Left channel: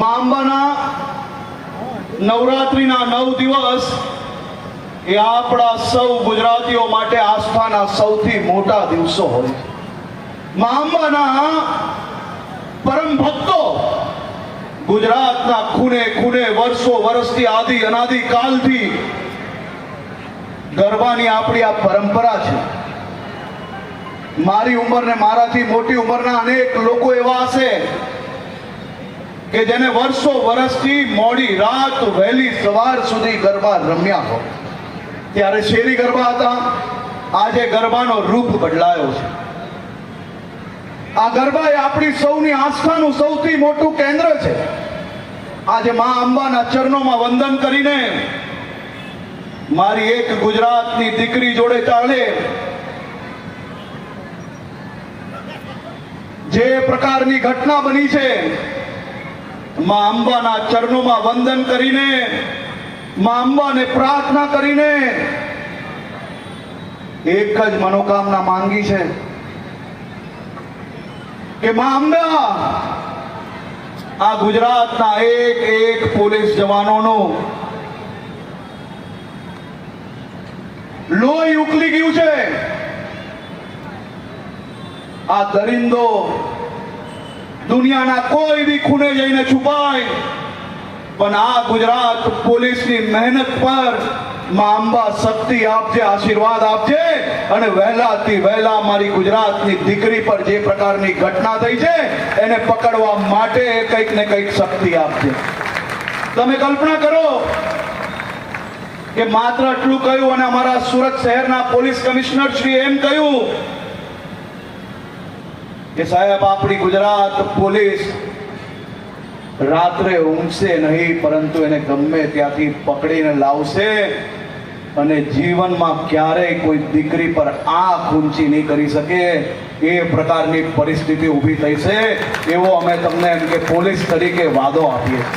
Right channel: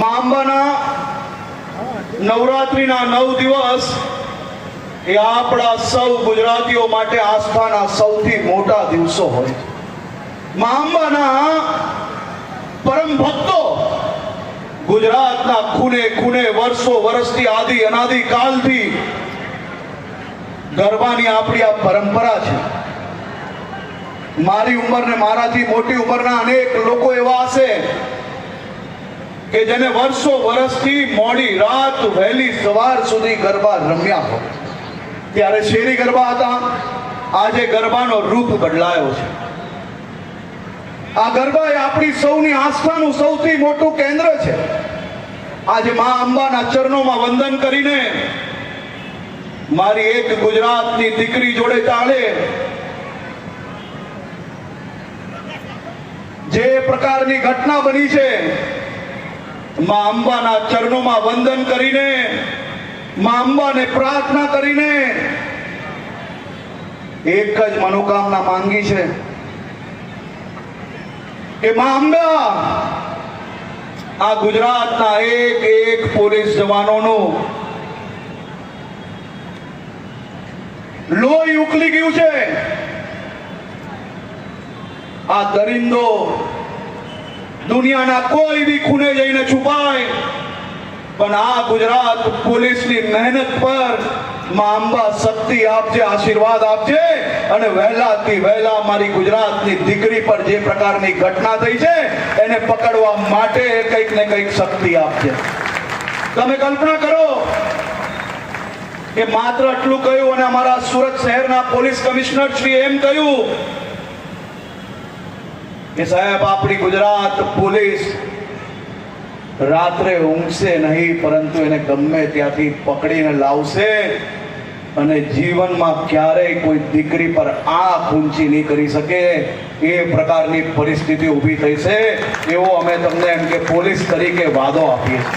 મા અંબાના નવરાત્રિના 9 દિવસ એ આપણા સૌ ગુજરાતીઓ માટે આસ્થાના સૌથી મોટા દિવસો હોય છે. મા અંબાના પરમ ભક્તો ગુજરાતના ખૂણે ખૂણે વર્ષો વર્ષથી આદિ અનાદિ કાલથી ગરબાની આપણી આ પરંપરા છે. મારી ઉંમર ને મારાથી મોટી ઉંમરના અનેક લોકો એવા હશે કે જેને વર્ષો વર્ષથી મોડી રાત વહેલી સવાર સુધી ગરબા રમ્યા હોય. ત્યારે શેરી ગરબા હતા, આજે ગરબાનો રૂપ બદલાયો છે. આ ગરબા એ આપણી સૌની આસ્થાનું સૌથી મોટું કેન્દ્ર છે. આજે મા અંબાના ચરણોમાં વંદન કરીને મારી એક ગુજરાતની દીકરી જોડે ચાલે જે પ્રકારની ઘટના બની છે, મા અંબાના ચરણોમાં વંદન કરીને, મા અંબાને પ્રાર્થના કરીને એક જ મનોકામના માંગી છે કે મા અંબા આ ગુજરાતના એક એક પોલીસ જવાનોનું લોહી ઉકલી ગયું છે. આ દરિંદો દુનિયાના કોઈ બી ખૂણે જઈને છુપાય, પણ આ ગુજરાત પોલીસની મહેનત પર મા અંબા શક્તિ આપજે, આશીર્વાદ આપજે અને વહેલાથી વહેલા મારી ગુજરાતની દીકરી પર જે પ્રકારની ઘટના થઈ છે એને પકડવા માટે કંઈક ને કંઈક શક્તિ આપજે. તમે કલ્પના કરો કે માત્ર આટલું કહ્યું અને અમારા સુરત શહેરના પોલીસ કમિશનર શ્રી એમ કહ્યું કે સાહેબ આપણી ગુજરાત પોલીસ રાત્રે ઊંઘશે નહીં, પરંતુ એને ગમે ત્યાંથી પકડીને લાવશે અને જીવનમાં ક્યારેય કોઈ દીકરી પર આંખ ઊંચી નહીં કરી શકે એ પ્રકારની પરિસ્થિતિ ઊભી થઈ છે. એવો અમે તમને એમ કે પોલીસ તરીકે વાદો આપીએ છીએ.